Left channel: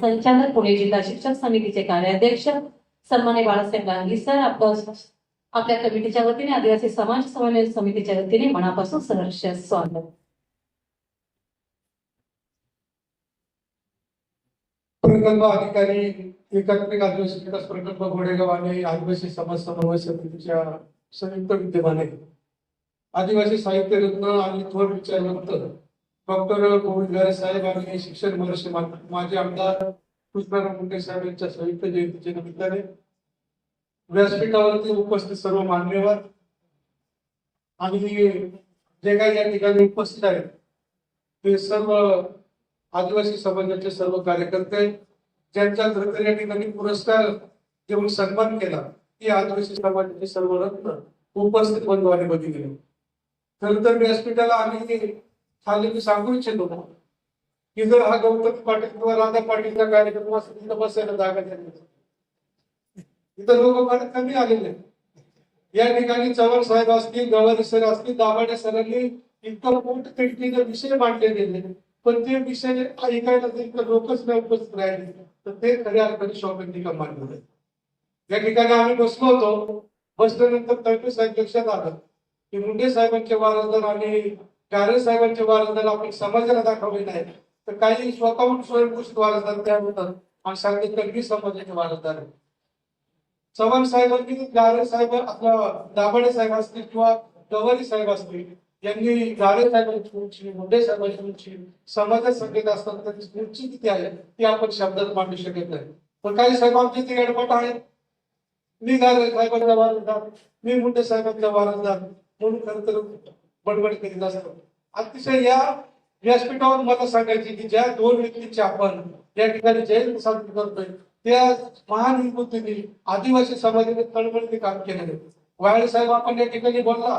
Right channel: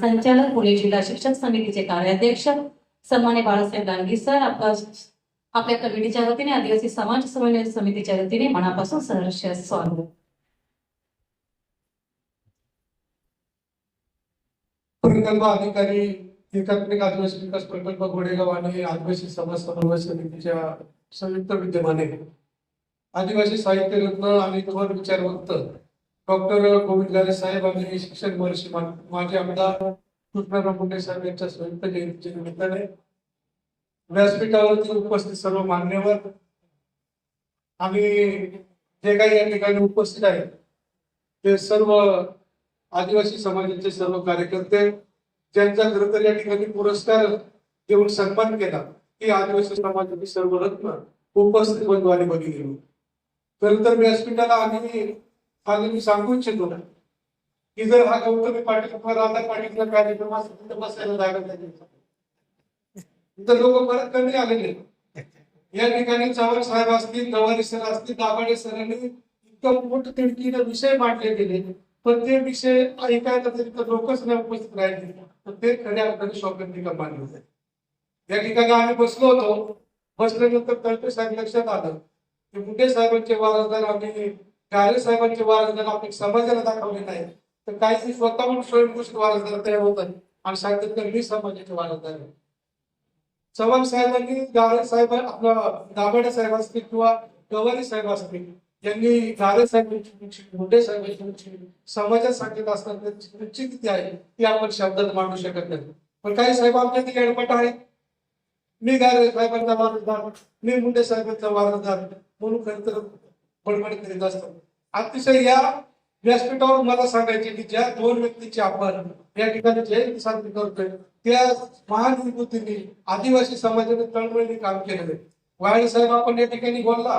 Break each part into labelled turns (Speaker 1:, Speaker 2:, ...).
Speaker 1: संचालक पुणे जिल्हा शिक्षक समितीचे कार्याध्यक्ष सन्माने बाळासाहेब गांधी सर आपलं आपल्या कमिटीच्या वतीने आदिवासी समाज समन्वय समितीच्या वतीने मनापासून सहर्ष स्वागत.
Speaker 2: प्रकल्प अधिकारी एकात्मिक आदिवासी विकास प्रकल्प घोडेगाव आणि आदिवासी समाज समन्वय समितीच्या संयुक्त विद्यमाने आदिवासी साहित्य रत्न आणि थोर विचारवंत डॉक्टर गोविंद गारे साहेब आणि शिक्षण महर्षी माजी आमदार कृष्णराव मुंडे साहेब यांच्या संयुक्त जयंतीच्या निमित्ताने व्यासपीठावरती उपस्थित सर्व मान्यवर आणि जे काही या ठिकाणी उपस्थित आहेत ते सर्व आदिवासी समाजाचे सर्व कार्यकर्ते ज्यांचा खरंतर या ठिकाणी पुरस्कार देऊन सन्मान केला ते आदिवासी समाजाचे सर्व रत्न उपस्थित बंधवाने बघितले. खरंतर व्यासपीठाला आणि खाली मी सांगू इच्छितो की जर हा गौतमी पाटील किंवा राधा पाटीलचा कार्यक्रम असेल तिथं बसायला जागा द्यायची इथं लोक परत कमी आलेले या ठिकाणी चव्हाण साहेब असतील गवारी सर असतील दाभाडे सरांनी इतकं मोठ तिडकीने विषय मांडले गेले. पण ते विषय ऐकायला तरी तर लोकच नाही उपस्थित राहिले. तर ते खऱ्या अर्थाने शौकंतिका मानलं होते या ठिकाणी आम्ही बसलो होतो. बसल्यानंतर तळपे साहेब लक्षात आलं की मुंडे साहेबांचे वारसदार आणि गारे साहेबांचे वारसदार आपण समाजाला दाखवले नाही तर काही स्वतःहून स्वयंघोषित वारसदार तयार होतात आणि सांगतात तर मी समाजाचे वारसदार आहे चव्हाण साहेबांनी गारे साहेब आपला दाभाडे साहेब असतील किंवा गवारी साहेब असतील यांनी गारे साहेबांची उंची मुंडे साहेबांची उंची समाजात सांगत असताना त्यांची उंची किती आहे ती आपण शब्दात मांडू शकत नाही. पण काही साहेब आमच्या ते एडपट आहेत. मी गारे साहेबांचा वारसदार मी मुंडे साहेबांचा वारसदार म्हणून खरं तर बडबड करीत असतो. अतिशय या व्यासपीठावर मला सांगायचे की ज्या दोन व्यक्तींची आपण या ठिकाणी जयंती साजरी करतोय त्या महान विभूतींनी आदिवासी समाजाने तळमळीने काम केलेले आहे. वायडे साहेब आपण या ठिकाणी बोलला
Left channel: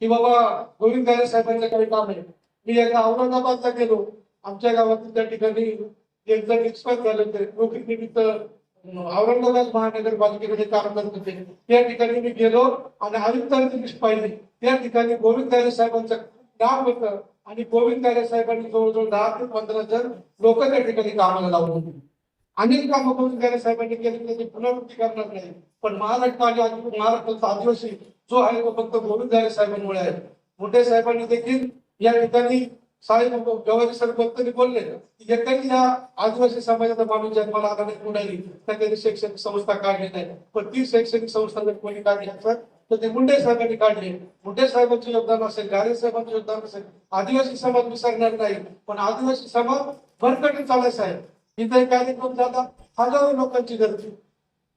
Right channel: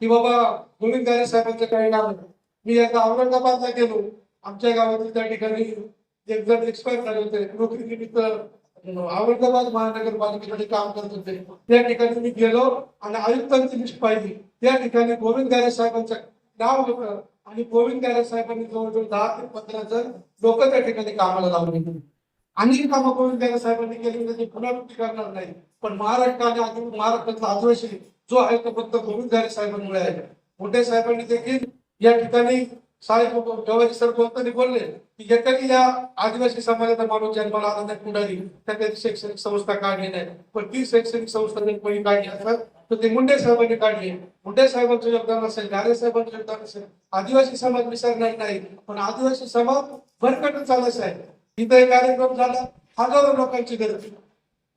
Speaker 2: की बाबा गोविंद गारे साहेबांचे काही काम आहे. मी एकदा औरंगाबादला गेलो. आमच्या गावातील त्या ठिकाणी एक जण एक्सपायर झाले होते. नोकरीनिमित्त औरंगाबाद महानगरपालिकेकडे काम करत होते. त्या ठिकाणी मी गेलो आणि आयुक्तांची लिस्ट पाहिली. त्या ठिकाणी गोविंद गारे साहेबांचं नाव होतं आणि गोविंद गारे साहेबांनी जवळजवळ दहा ते पंधरा जण लोक त्या ठिकाणी कामाला लावले अनेक कामं गोविंद गारे साहेबांनी केली म्हणजे त्याची पुनरावृत्ती करणार नाही. पण महाराष्ट्र आणि महाराष्ट्राचा आदिवासी जो आहे तो फक्त गोविंद गारे साहेबांमुळे आहे. मोठे साहेबांनी देखील या ठिकाणी साहेब गवारी सर बोलताना बोलले की एकाही या आदिवासी समाजाचा माणूस जन्माला आला नाही पुढारी तर त्यांनी शैक्षणिक संस्था काढली नाही. पण ती शैक्षणिक संस्था जर कोणी काढली असेल तर ते मुंडे साहेबांनी काढले. मुंडे साहेबांचं योगदान असेल गारे साहेबांचं योगदान असेल आदिवासी समाज विसरणार नाही. पण आदिवासी समाज भरकटून चालत आहे. इथं कार्यक्रम झाला हजारो लोकांची गर्दी.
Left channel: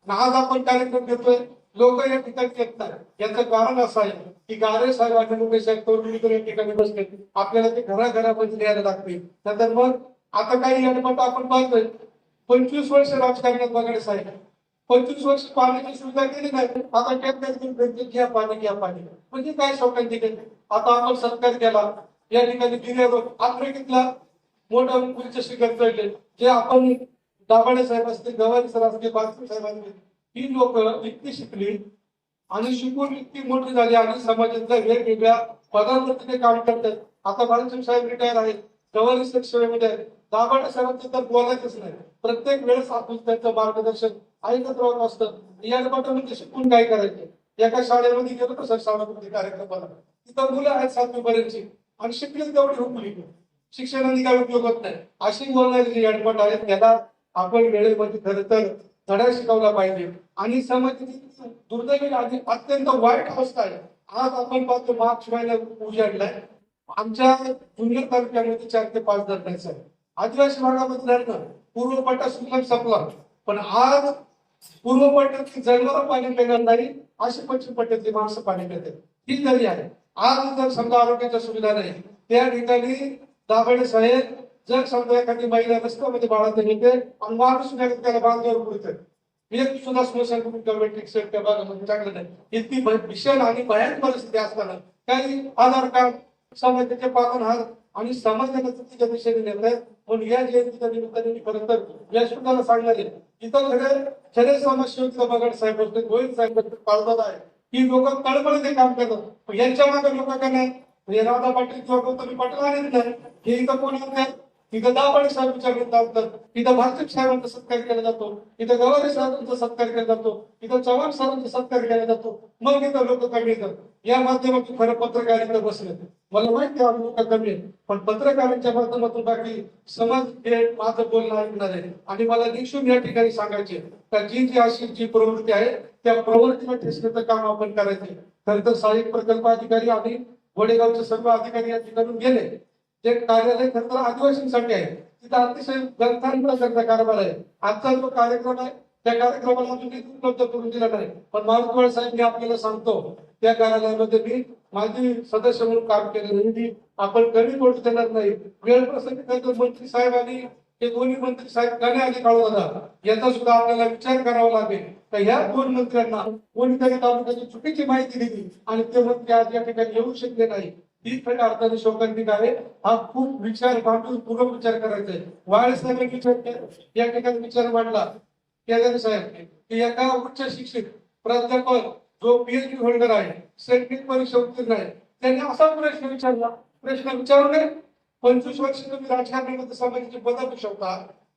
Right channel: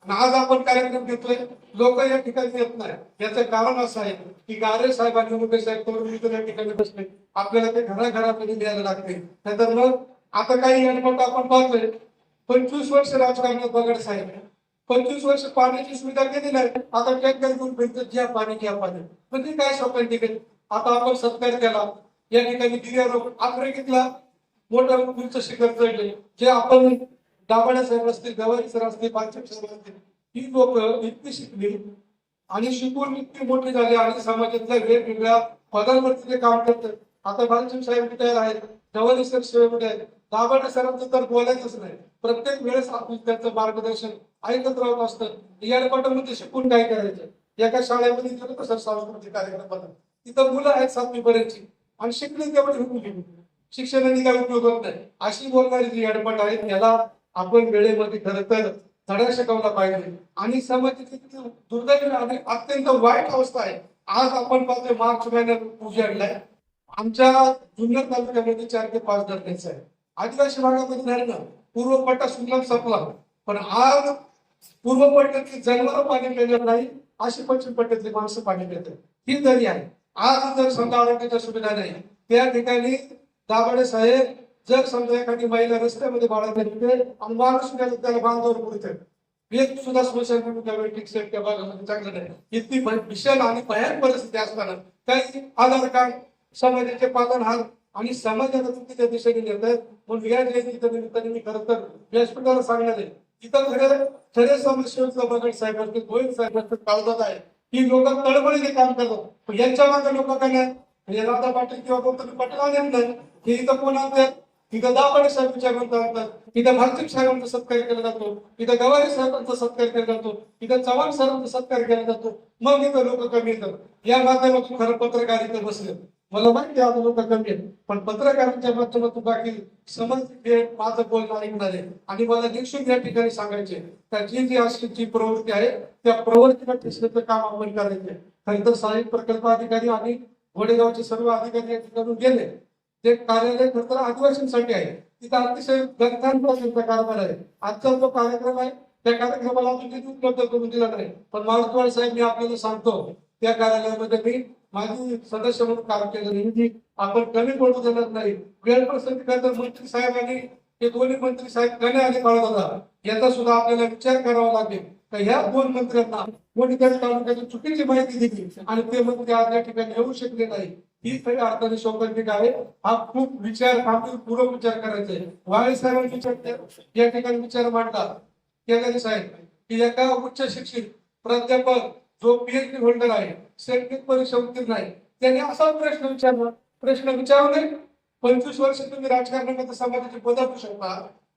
Speaker 2: आणि आज आपण कार्यक्रम घेतोय लोक या ठिकाणी येत नाही. याचं कारण असं आहे की गारे साहेब आणि मुंबई साहेब तरुण मित्र या ठिकाणी बसले. आपल्याला ते घराघरामध्ये द्यायला लागते नंतर मग आता काही अनुभव आपण पाहतोय. पंचवीस वर्ष राजकारणात बघायला साहेब पंचवीस वर्ष पाण्याची सुविधा केली नाही. आता टँकर घेऊन फिरतो घ्या पाणी घ्या पाणी. म्हणजे काय स्वतः ठिकाणी आता आपण सत्कार केला. या ठिकाणी गिर्यारोप आफ्रिकेतला मोठा उंच शिखर चढले. जे आपण दाभाडे साहेब असतील गवारी सर असतील बालचिप साहेब असतील ही लोक इतकी शिकली आणि शिकून इतकी मोठी झाली आणि समाजातल्या वेगवेगळ्या पदांवरती ते काम करतात. आता बालचिप साहेब रिटायर आहेत. गवारी सर सेवेमध्ये आहेत. दाभाडे सरांचं तर बोलायचंच नाही. प्रत्येक वेळेस आपण त्यांचं मार्गदर्शन ऐकत राहत असतं. या पाठामध्ये शिकून काय करायचं? एका शाळेमध्ये गेलो तर सर? सांस्कृतिक कार्यक्रमाला तिथं मुलं आहेत सातवी पर्यंतची आणि शिकली तेवढी हुकली हो शिक्षणाने काय उपयोग होत नाही. अशी बोलणारी जी अडपट आहे त्याला आपण वेळेमध्ये खरं तर धडा शिकवला पाहिजे. आणि समाजाची दुर्दैवी आणि अत्यंत वाईट अवस्था आहे आज आपण पाहतोय मार्च महिन्यात उजाडलाय. आमच्या जुन्नर तालुक्यामध्ये चार ते पाच धरणाचं आहे आदिवासी भागामध्ये धरणं पूर्व पट्टा सुलभ संपला. पण आज पूर्वपटातली जंगल पाणी पिणार नाही अशी पश्चिम पट्ट्यातली माणसं पाणी पितात. ही दरी आहे. आज जर समजा आरोग्याच्या सुविधा नाही त्या ठिकाणी दाभाडे साहेब जर समजा एखादी महिला रस्त्यामध्ये बाळात येते आणि माणूस सुद्धा त्याला बांधावर पुरते. एक सुद्धा स्मशान त्या वेटिंग सेट त्या भागामध्ये चांगलं नाही. इतकी भीषण आणि भयानक परिस्थिती असताना काही आधार कार्ड समाजाचे पालनहार आणि समाजाला चुकीच्या दिशेने नेत आहेत म्हणून या जयंतीच्या निमित्ताने मी खरं तर व्यासपीठाला सांगणार आहे. इथं सगळे खरे समाजसेवक बगड साहेब असतील गोविंद साहेब असतील काळजात आहे. ही लोक तळमळीने काम करतात. पण यांच्या मागे लोक काय नाही? हे राधा पाटील किंवा गौतमी पाटील आले नाही. हे इथं कोण आणतात? तिथं दाभाडे साहेब विचारवंत आणतात. तिथं भाजप साहेबांचा सत्कार केला जातो. तिथं गवारी साहेबांचा सत्कार केला जातो. तिथं चव्हाण साहेबांचा सत्कार केला जातो. मग इथं लोक कमी येतात. या माध्यमातून खरं पत्रकारित बसले. मला माहिती आहे लोक कमी आहेत. पण पत्रकारांच्या माध्यमातून बाकी समाज हे माझं बोलणं ऐकणार आहे. आणि मला निक्षून या ठिकाणी सांगायचे तर जी जी अशी जी प्रवृत्ती आहे त्या प्रवृत्तीला ठेचण्याचं काम आपण करायचे खरं तर सहाय्यक प्रकल्प अधिकारी आणि वडेगावचे सर्व अधिकारी या ठिकाणून गेले. ते कार्यालय खरं तर आदिवासींसाठी आहे. तिथं अतिशय ग्रंथांचा त्यांचा कारभार आहे. आजचा जो कार्यक्रम आहे त्या कार्यक्रमाला अजून निधी उपलब्ध करून दिला नाही. पण मारुतवाड साहेब मी आपल्याला सांगतो त्या कार्यालयामध्ये मी माझी सदस्य म्हणून काम केलं. निधी आपण कमी पडू देणार नाही. वेळ प्रसंगी खरं तर मंत्री साहेब आणि हे दोन्ही मंत्री साहेब कमी आले काळाला याचा सुद्धा आपल्याला विचार करावा लागेल. तर ह्या दोन मंत्र्यांना कोणीतरी तालुक्याची चुकीची माहिती दिली आणि ते मंत्री आज या ठिकाणी येऊ शकले नाही. ही खरी अर्थाने शोकांतिक आहे. हा खूप विचार पूर्व विचार करायचा आहे. वाळे साहेबांनी विचार या ठिकाणी विचार मांडला. केदारी साहेब की एका उच्च शिक्षित प्राध्यापक जो पीएचडी होल्डर आहे शैक्षणिक परीक्षा उत्तीर्ण आहे त्यांनी असा प्रश्न विचारला. प्रश्न विचारले पंचवीस वर्ष तुम्ही राजकारणामध्ये समाजाची बदलू शकता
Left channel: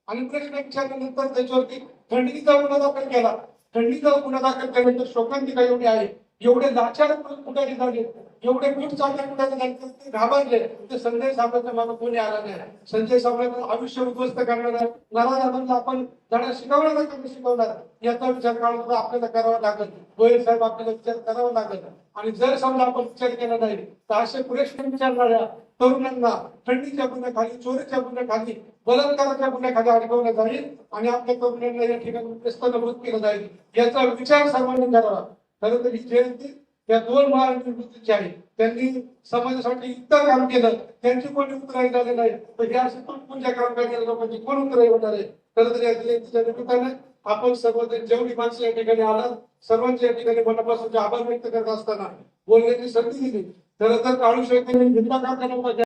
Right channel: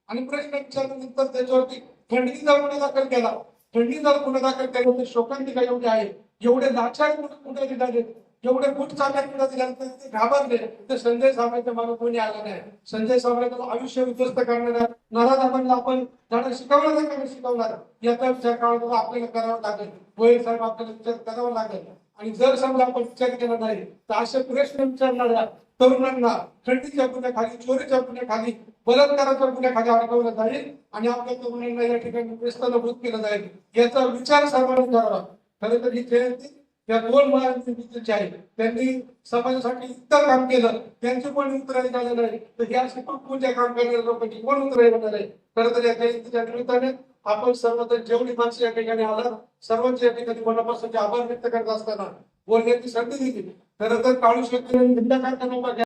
Speaker 2: आणि प्रश्न विचारल्यानंतर त्याच्यावरती खंडणीचा गुन्हा दाखल केला. खंडणीचा गुन्हा दाखल केल्यानंतर शोकांतिका एवढी आहे एवढे लाचार कुठे झाले एवढे गुट चालल्या कुठे ते घाबरले. ते संजय साम्राज्य मागे कोणी आला नाही. संजय साम्राज्य आयुष्य उद्ध्वस्त करणारा नाराज आपण धडा शिकवणार का? शिकवणार. याचा विचार करावा आपल्याला करावा लागेल. गोयल साहेब आपल्याला विचार करावा लागेल. आणि जर समजा आपण विचार केला नाही तर असे प्रश्न विचारणाऱ्या तरुणांना खंडीच्या गुन्ह्याखाली चोरीच्या गुन्ह्याखाली बलात्काराच्या गुन्ह्याखाली अडकवलं जाईल आणि आपल्या तरुणांना या ठिकाणी व्यस्तनभूत केलं जाईल. याचा विचार सर्वांनी करावा. खरं तर ही जयंती या दोन महाविद्यालयाची आहे त्यांनी समाजासाठी इतर काम केलं. त्यांचं कोणी उत्तराई झालं नाही तर हे असे तुटपुंच्या काम करणाऱ्या लोकांची कोण उत्तराई होणार आहे. खरं तर या जयंतीच्या निमित्ताने आपण सर्वजण जेवढी माणसं या ठिकाणी आला सर्वांचे या ठिकाणी मनापासून आभार व्यक्त करत असताना बोलण्याची संधी दिली. खरं तर काळू शेट्टी हिंदा कारखाना